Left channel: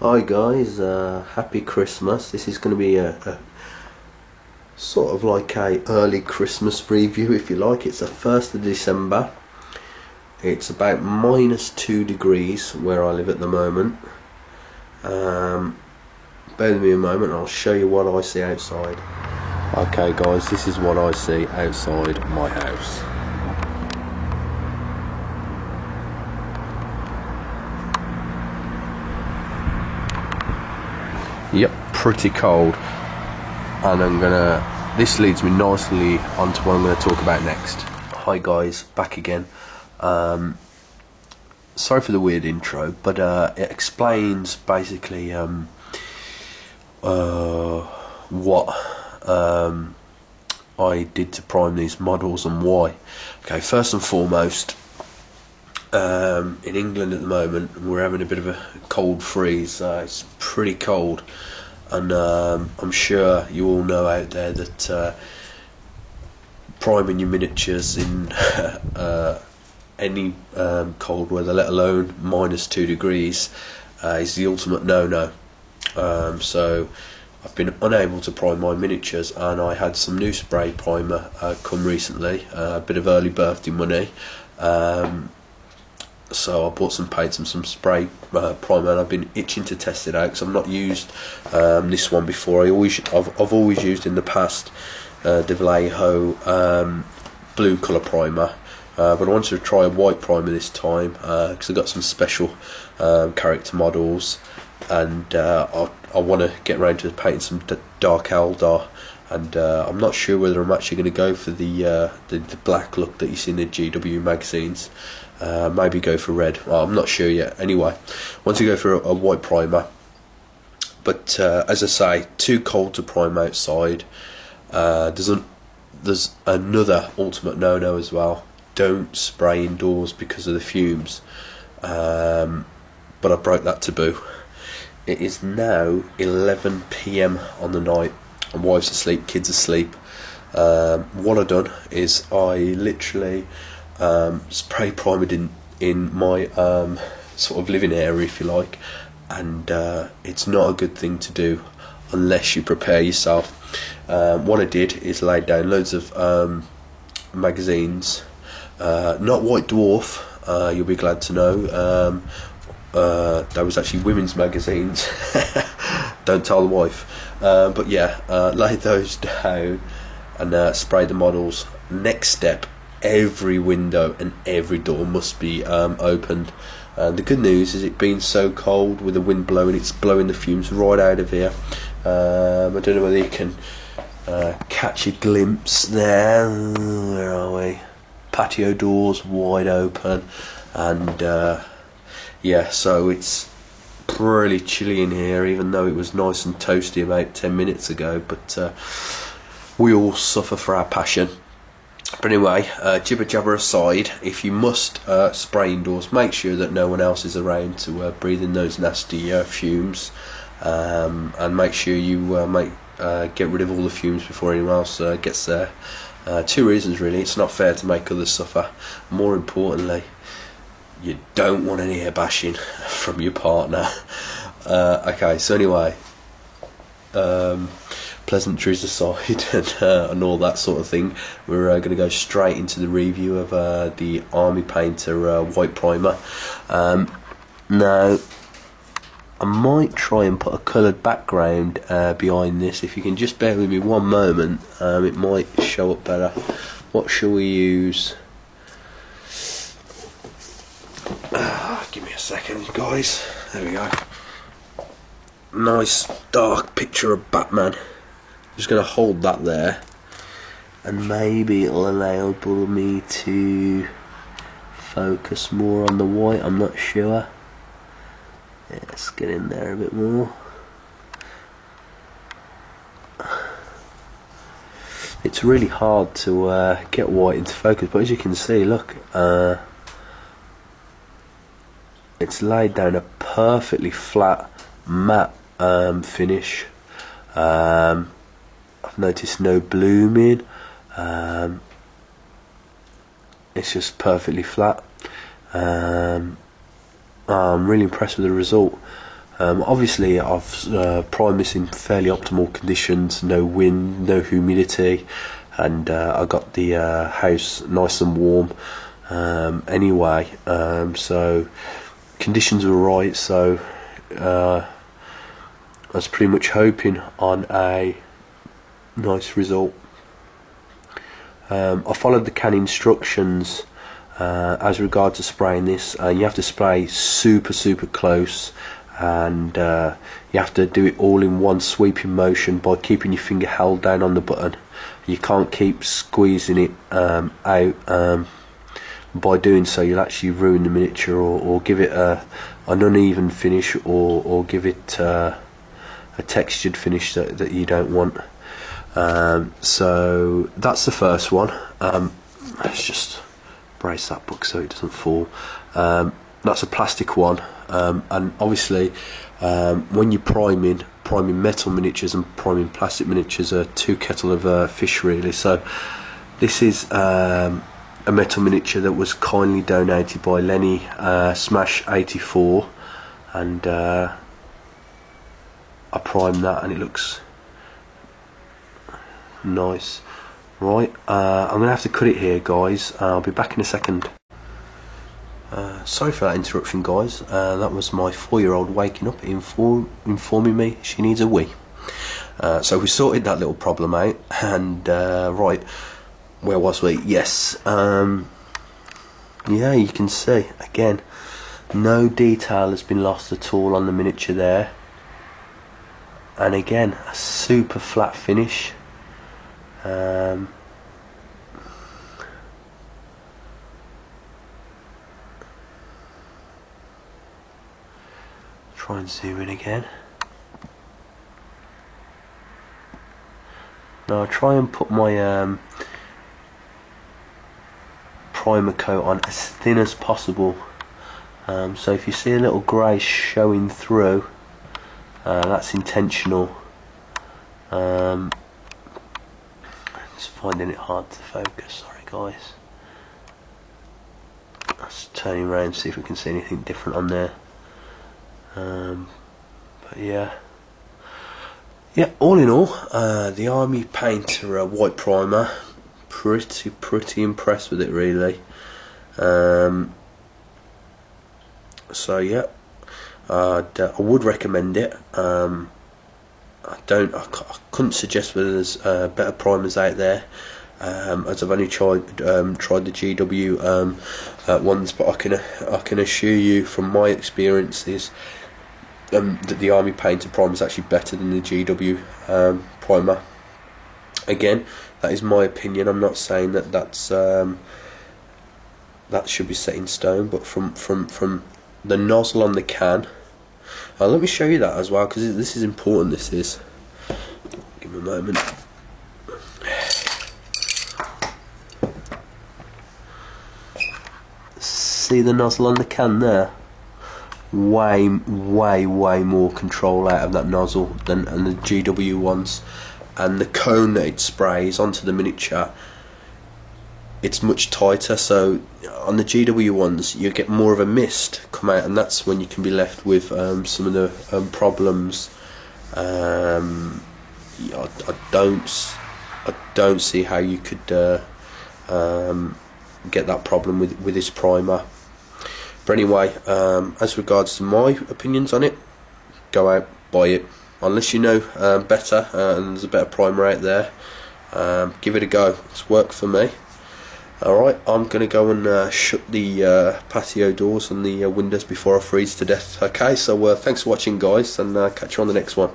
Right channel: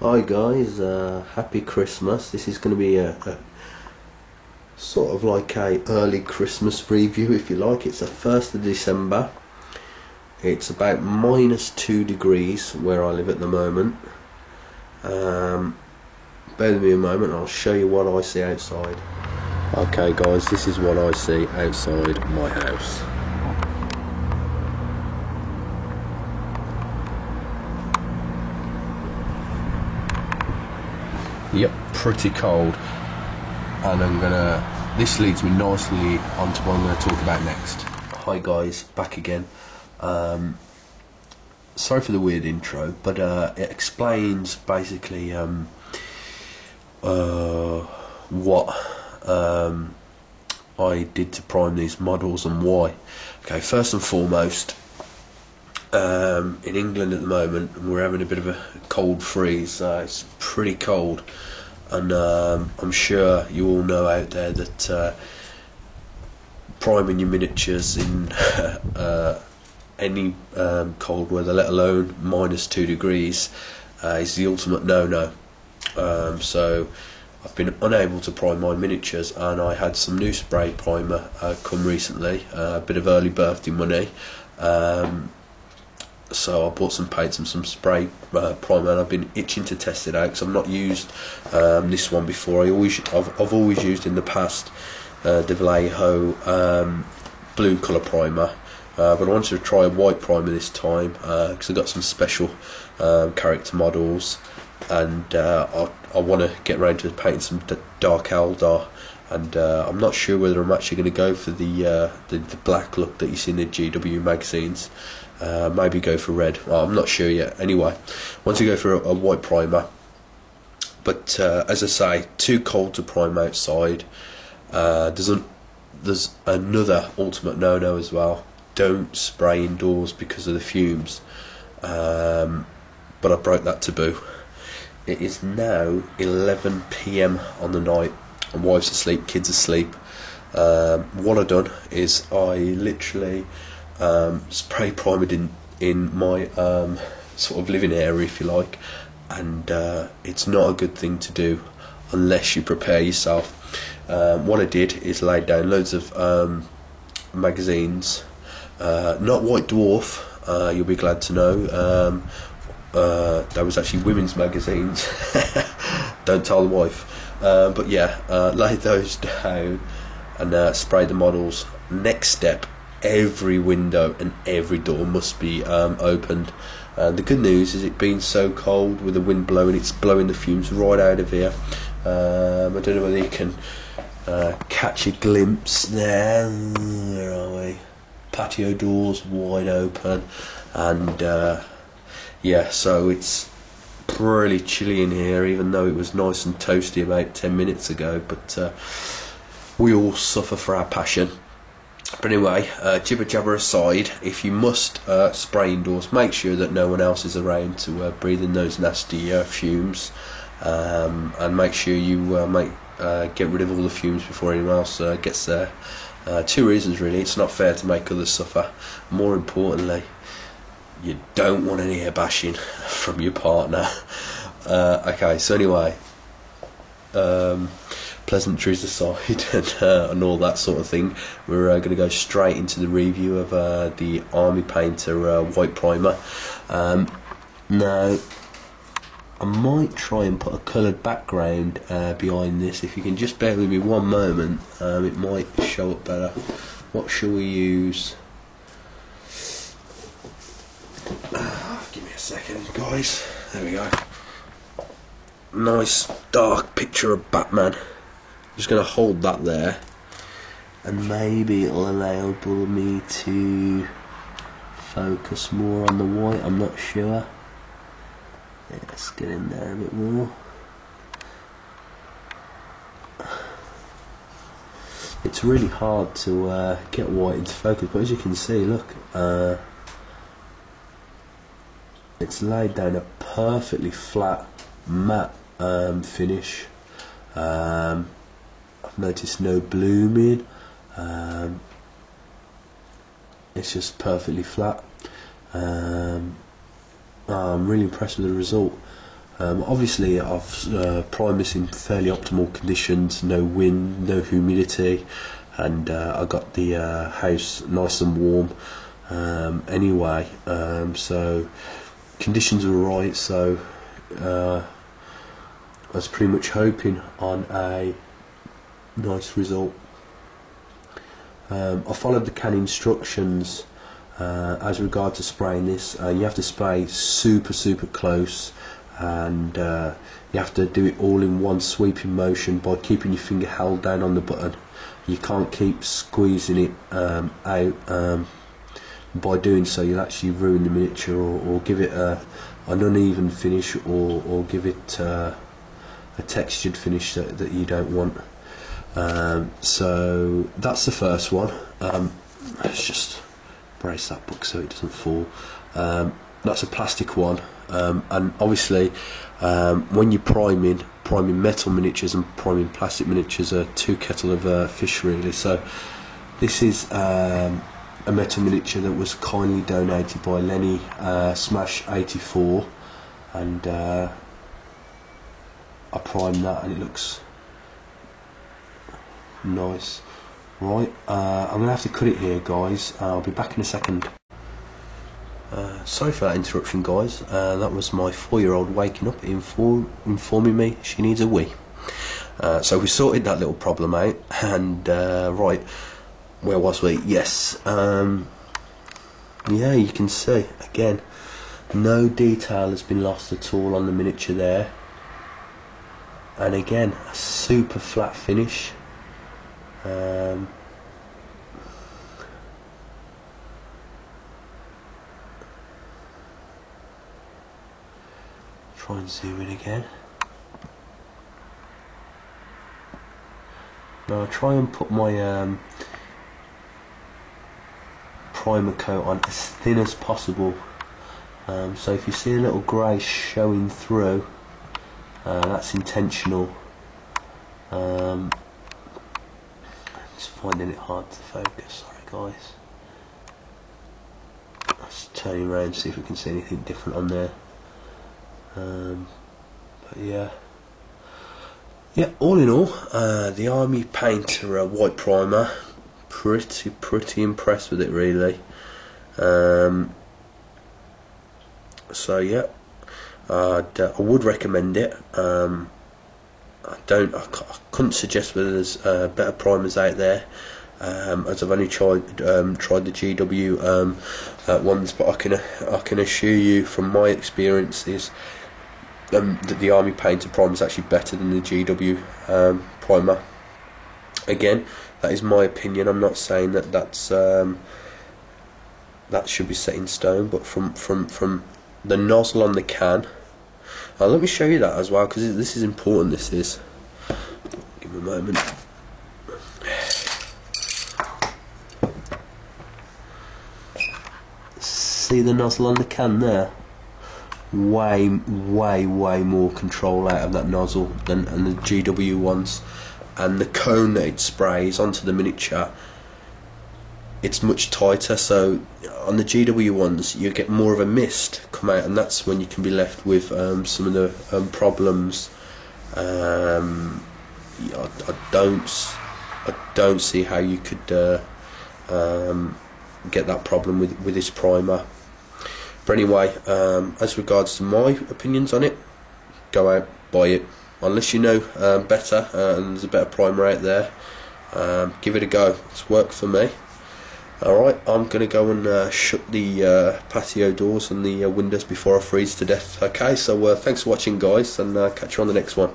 Hi guys, happy Christmas. This is going to be a sort of like a early Christmas review if you like. It's the 1st of December. It's about -2 degrees where I live at the moment. Bear with me a moment, I'll show you what I see outside. Okay guys, this is what I see outside my house. Yep, pretty cold. And this leads me nicely onto what I'm gonna talk about next. Hi guys, back again. Sorry for the weird intro, but it explains basically what I did to prime these models and why. Okay, first and foremost, in England at the moment we're having a bit of a cold freeze. It's pretty cold, and I'm sure you all know out there that priming your miniatures in any cold weather, let alone -2 degrees, is the ultimate no-no. So I've been unable to prime my miniatures, and I had some new spray primer come recently, a bit of early birthday money. So I bought some paints and some spray primer, and I've been itching to test it out because I've not used this one before. I've always used in the past De Vallejo blue colour primer, but I wanted to try a white primer this time because I've got some special character models, and I want to get around to painting some Dark Eldar, and I'm not sure whether I'm actually going to go for the black look that you see in the GW magazines. Maybe go for red. I'm not sure yet. Anyway, once you go for a white primer, but as I say, too cold to prime outside. There's another ultimate no-no as well. Don't spray indoors because of the fumes. But I broke that taboo. It is now 11 PM on the night, and wife's asleep, kids asleep. What I've done is I literally spray primed in my sort of living area, if you like, and it's not a good thing to do unless you prepare yourself. What I did is laid down loads of magazines, not White Dwarf, you'll be glad to know. That was actually women's magazines. Don't tell the wife. But yeah, laid those down and sprayed the models. Next step, every window and every door must be opened. The good news is, it being so cold with the wind blowing, it's blowing the fumes right out of here. I don't know whether you can catch a glimpse there. Where are we? Patio doors wide open, and yeah, so it's pretty chilly in here, even though it was nice and toasty about 10 minutes ago. But we all suffer for our passion. But anyway, jibber jabber aside, if you must spray indoors, make sure that no one else is around to breathe in those nasty fumes, and make sure you get rid of all the fumes before anyone else gets there. Two reasons really: it's not fair to make others suffer. More importantly, you don't want any air bashing from your partner. Okay, so anyway, pleasantries aside and all that sort of thing, we're going to go straight into the review of the Army Painter white primer. Now, I might try and put a coloured background behind this. If you can just bear with me one moment, it might show up better. What shall we use? Give me a second, guys. There we go. Nice dark picture of Batman. Just going to hold that there, and maybe it'll enable me to focus more on the white. I'm not sure. Yeah, let's get in there a bit more. It's really hard to get white into focus, but as you can see, look, it's laid down a perfectly flat matte finish. I've noticed no blooming. It's just perfectly flat. I'm really impressed with the result. Obviously I've primed this in fairly optimal conditions, no wind, no humidity, and I got the house nice and warm anyway, so conditions were right, so I was pretty much hoping on a nice result. I followed the can instructions as regards to spraying this. You have to spray super close, and you have to do it all in one sweeping motion by keeping your finger held down on the button. You can't keep squeezing it out. By doing so you'll actually ruin the miniature, or give it an uneven finish, or give it a textured finish that you don't want. So that's the first one. Let's just brace that book so it doesn't fall. That's a plastic one, and obviously when you're priming metal miniatures and priming plastic miniatures are two kettle of fish really. So this is a metal miniature that was kindly donated by Lenny Smash84, and I primed that and it looks nice. Right, I'm gonna have to cut it here, guys. I'll be back in a second. Sorry for that interruption, guys. That was my 4-year-old waking up, informing me she needs a wee. So we sorted that little problem out, and right, where was we? Yes, yeah, you can see again, no detail has been lost at all on the miniature there, and again a super flat finish. Try and zoom in again. Now I'll try and put my primer coat on as thin as possible. So if you see a little grey showing through, that's intentional. Just finding it hard to focus, sorry guys. Let's turn around, see if we can see anything different on there. But yeah, all in all, the Army Painter white primer, pretty impressed with it really. So yeah, I would recommend it. I couldn't suggest whether there's better primers out there, as I've only tried the GW ones, but I can assure you from my experiences that the Army Painter primer is actually better than the GW primer. Again, that is my opinion. I'm not saying that that should be set in stone, but from the nozzle on the can. Let me show you that as well, because this is important. This is. Give me a moment. See the nozzle on the can there? Way more control out of that nozzle than the GW ones, and the cone that it sprays onto the miniature, it's much tighter. So on the GW ones you get more of a mist come out, and that's when you can be left with some of the problems. I don't see how you could get that problem with this primer. But anyway, as regards to my opinions on it, go out, buy it. Unless you know better, and there's a better primer out there, give it a go. It's worked for me. Alright, I'm going to go and shut the patio doors and the windows before I freeze to death. Okay, so thanks for watching, guys, and catch you on the next one.